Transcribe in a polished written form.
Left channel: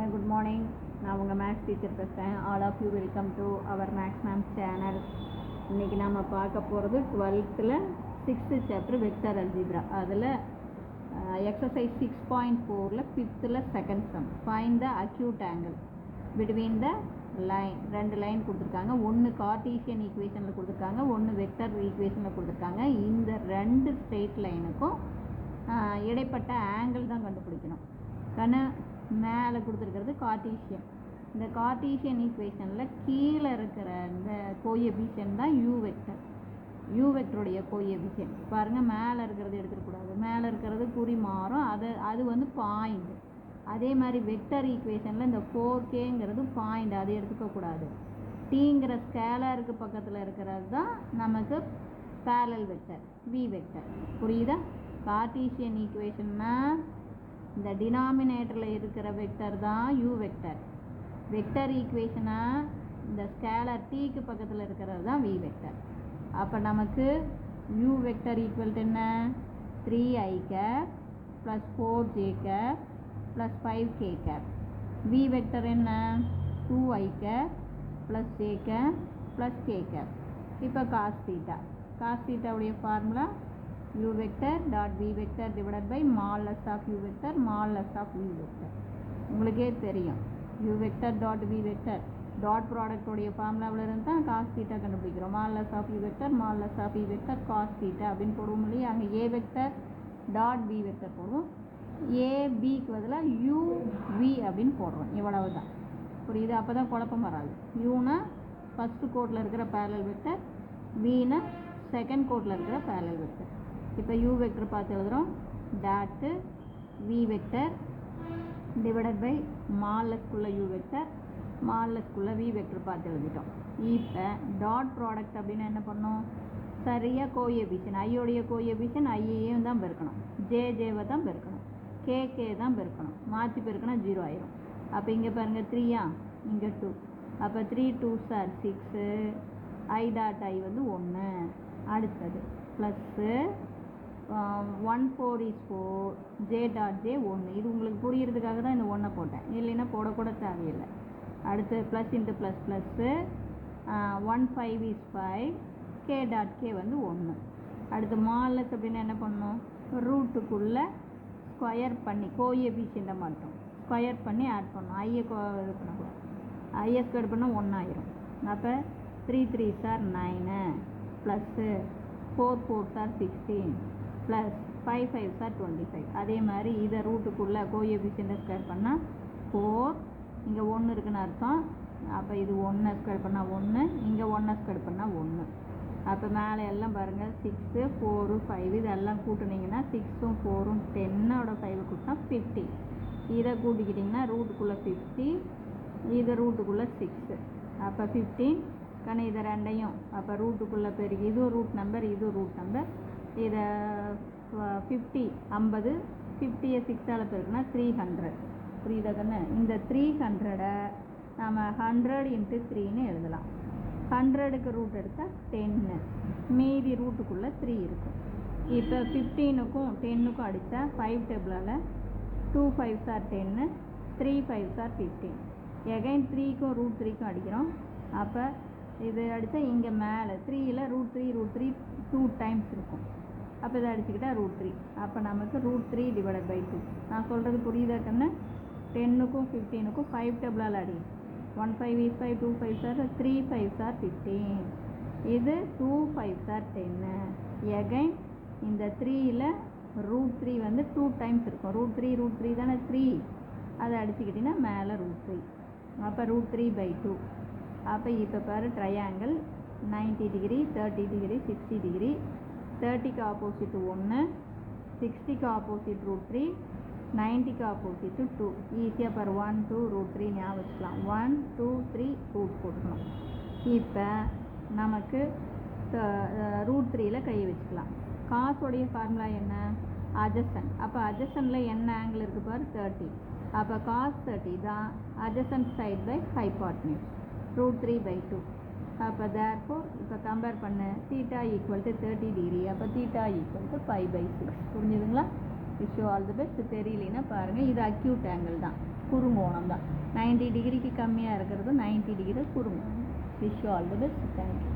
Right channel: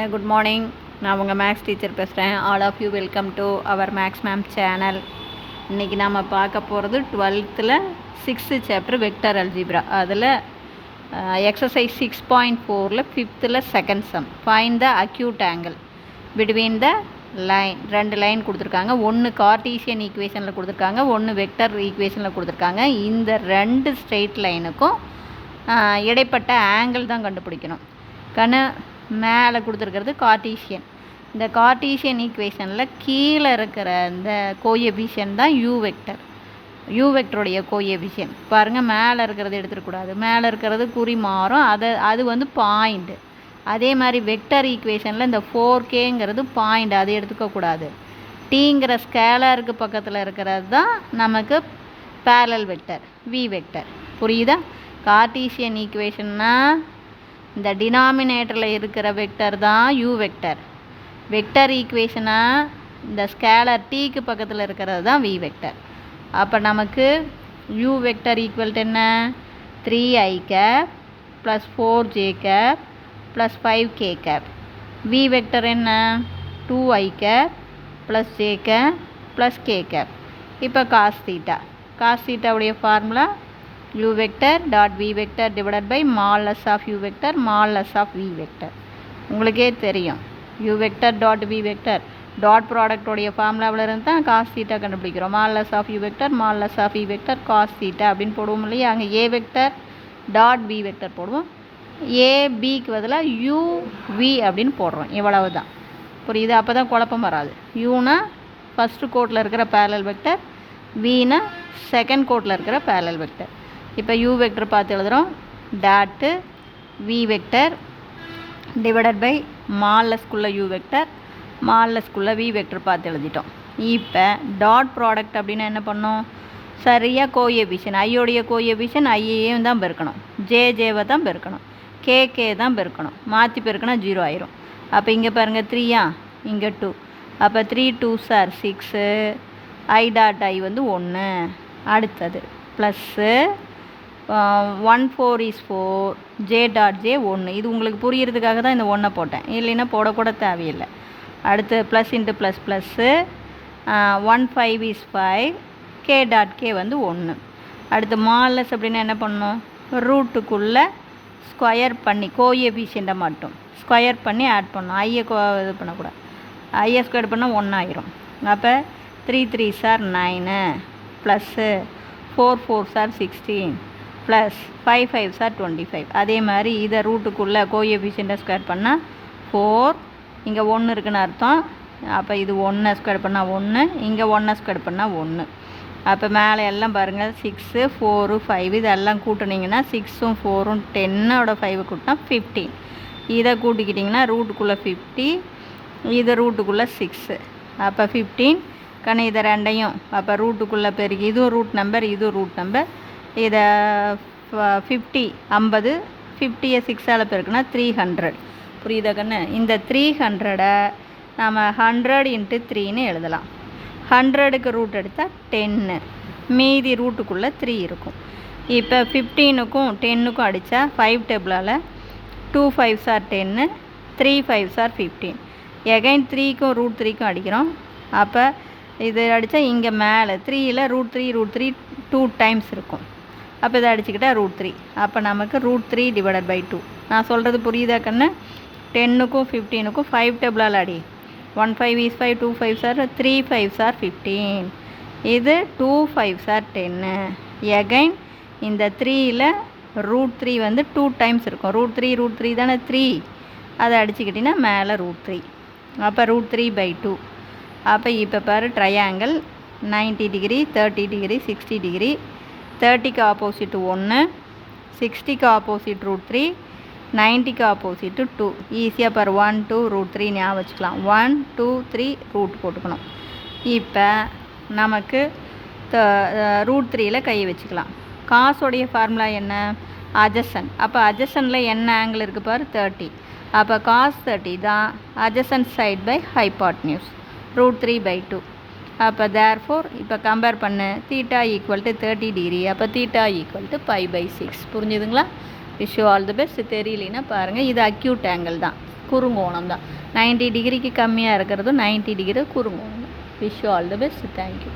கண்ணு good morning. நான் உங்கள் மேக்ஸ் டீச்சர் பேசுகிறேன். All of you welcome to our maths ma'am channel. இன்றைக்கி நாம் பார்க்க போகிறது 12th 6th chapter vector algebra. அதில் exercise 6.4 5th second sum. Find the acute angle between the line. 2 line கொடுத்துருக்காங்க. ஒன்று கார்டீசியன் ஈக்குவேஷனில் கொடுத்துருக்காங்க, ஒன்று வெக்டர் ஈக்குவேஷனில் கொடுத்துருக்காங்க. இந்த 2 ஸ்ட்ரெயிட் லைனுக்கும் இடைப்பட்ட ஆங்கிள் தான் கண்டுபிடிக்கணும். மேலே கொடுத்துருக்கிறது கார்டீசியன். இந்த கார்டீசியன் ஈக்குவேஷனில் கீழே இருக்கிற இந்த கோஎஃபிஷியன்ட் தான் யூ வெக்டர். யூ வெக்டருடைய கோஎஃபிஷியன்ட் பாருங்கள். மேலே இருக்கிறது எடுத்துடக்கூடாது, மேலே இருக்கிறது குறி மாறும், அது வந்து பாயிண்ட். அதே மாதிரி வெக்டர் ஈக்குவேஷனில் இந்த 4Kங்கிறது பாயிண்ட், அது எடுத்துக்கக்கூடாது. டீங்கிற ஸ்கேலருக்கு பக்கத்தில் இருக்கிறது தான் நமக்கு பேரலல் வெக்டர், வி வெக்டர். புரியுதா? கார்டீசியன் ஈக்குவேஷன்னா இந்த டினாமினேட்டரில் இருக்கிற வெக்டர் தான் யூ வெக்டர். வெக்டர் ஈக்குவேஷனாக இந்த ஸ்கேலர் டீக்கு பக்கத்தில் இருக்கிறது தான் வி வெக்டர். அப்போ நமக்கு யூ வெக்டர் ஈக்குவல் டு என்ன? 3i cap plus 4j cap plus 5k cap. V vector என்ன? 2i cap plus j cap plus k cap. இப்போ காஸ் தீட்டாவுடைய formula u vector dot v vector divided by modulus of u vector modulus of v vector. உங்களுக்கே தெரியும் u vector dot v vector dot ப்ராடக்டோடைய ஃபார்முலாவில் இருந்து தான் cos theta கண்டுபிடிக்கிறோம். modulus of u vector modulus of v vector cos theta அப்படின்னு போடுவோம் இல்லையா? அங்கே a vector dot b vector போடுவோம். a bக்கு பதிலாக u v அப்படின்னு போடுறோம். இவ்வளவு தான். புரியுது? அப்போ தான் குழப்பம் வராது. யூனா ஃபஸ்ட்டு கோட்டில் இருக்கிற பேரலல் வெக்டர், வினா செகண்ட் கோட்டில் இருக்கிற பேரலல் வெக்டர். இப்போ யூ வெக்டர் பார்த்து எழுதுகிறோம். Dot v vector divided by மால்லஸ்குள்ளே யூ வெக்டர், மால்லஸ்குள்ளே வி வெக்டர் பார்த்து எழுதிட்டோம். இப்போ டாட் ப்ராடக்ட் அப்படின்னா என்ன பண்ணோம்? சரியாக கோஎஃபிஷியன், ஐயோடைய கோஎஃபிஷியன் ஐயையும் தான் பெருக்கணும், ஜேவை தான் பெருக்கணும், கே தான் பெருக்கணும். மாற்றி பெருக்கினா 0 ஆயிரும். அப்போ இங்கே பாருங்கள் 3யா, இங்கே 2. அப்போ 3 2s are 6, I dot I வந்து 1. அடுத்தது plus 1 4 is 4, j dot j 1. இது உங்களுக்கு புரிகிறதுக்காக தான் இந்த 1 போட்டேன், இல்லைன்னா போடக்கூட தேவையில்லை. அடுத்து plus into plus plus 1 5 is 5, k dot k வந்து 1. அடுத்து மாலஸ் அப்படின்னா என்ன பண்ணணும்? ரூட்டுக்குள்ளே ஸ்கொயர் பண்ணி கோஎஃபிஷியண்ட்டை மட்டும் ஸ்கொயர் பண்ணி ஆட் பண்ணணும். ஐயை இது பண்ணக்கூடாது. ஐயை ஸ்கொயர் பண்ணால் 1 ஆயிரும். அப்போ 3 3s are 9 plus 4 4s are 16 plus 5 5s are 25. அதே மாதிரி இதை ரூட்டுக்குள்ளே கோஎஃபிஷியண்ட்டை ஸ்கொயர் பண்ணால் 4, இங்கே 1 இருக்குன்னு அர்த்தம். அப்போ இது 1 ஸ்கொயர் பண்ணால் 1, இங்கே 1 ஸ்கொயர் பண்ணால் 1. அப்போ மேலே எல்லாம் பாருங்கள் 6 4 5 இதெல்லாம் கூட்டினீங்கன்னா 6ம் 4ம் 10ஓட 5 கூட்டினா 15. இதை கூட்டிக்கிட்டிங்கன்னா ரூட்டுக்குள்ளே 50, இது ரூட்டுக்குள்ளே 6. அப்போ 15 கண்ணு இதை ரெண்டையும் அப்போ ரூட்டுக்குள்ளே பெருகி இதுவும் ரூட் நம்பர், இதுவும் ரூட் நம்பர். இதை 50 50 50யை 6ஆல் பெருக்குனா 300. புரியுதா கண்ணு? இந்த 300-ஐ நம்ம 100 × 3ன்னு எழுதலாம். 100க்கு ரூட் எடுத்தால் 10, மீதி ரூட்டுக்குள்ளே 3 இருக்கும். இப்போ 15க்கும் 10க்கும் அடித்தா 5 டேபிளால் 2 5s are 10, 3 5s are 15. Again 3க்கும் ரூட் 3க்கும் அடிக்கிறோம். அப்போ இது அடித்தா இங்கே மேலே 3ல் ரூட் 3 2 டைம்ஸ் இருக்கும். அப்போ இதை அடிச்சுக்கிட்டால் ரூட் 3. அப்போ நமக்கு ரூட் 3 டிவைடட் பை 2. நான் சொல்கிறது புரியுதா கண்ணு? 10க்கும் 15க்கும் 5 டேபிளால் அடி. 1 5 is 5, 2 5s are 3 5s are 15, இது 2 5s are 10. எகைன் இந்த 3ல் ரூட் 3 வந்து 2 டைம்ஸ் இருக்கும். ரூட் 3 தானே 3, அதை அடிச்சுக்கிட்டிங்கன்னா மேலே ரூட் 3. அப்போ ரூட் 3 பை 2. அப்போ இப்போ பாரு ட்ரையாங்கிள் 90 டிகிரி 30 டிகிரி 60 டிகிரி. 30க்கு ஆப்போசிட் 1, 60க்கு ஆப்போசிட் ரூட் 3, 90க்கு ஆப்போசிட்டு 2. ஈஸியாக பாரு 1 2 ரூட் 3 ஞாபகம் வச்சுக்கலாம். 1 2 3 ரூட் போட்டுக்கணும். இப்போ நமக்கு ரூட் 3ல் கை வச்சுக்கலாம். காசோடைய ஃபார்முலா என்ன? அட்ஜசன்ட். அப்போ அட்ஜசன்ட்டில் என்ன ஆங்கிள் இருக்குது பாரு? 30. அப்போ காஸ் 30 தான் adjacent side by hypotenuse, root 3 by 2. அப்போ தேர்ஃபோர் இப்போ கம்பேர் பண்ணு. Theta equal to 30 degree. அப்போ தீட்டா ஈக்குவல் டு π/6. புரிஞ்சுதுங்களா? Wish you all the best. தெரியலனா பாருங்கள். இது அக்யூட் ஆங்கிள் தான். குறுங்கோணம் தான். 90 டிகிரிக்கு கம்மியாக இருக்கிறதும் 90 டிகிரி குறுங்கோணம். Wish you all the best. Thank you.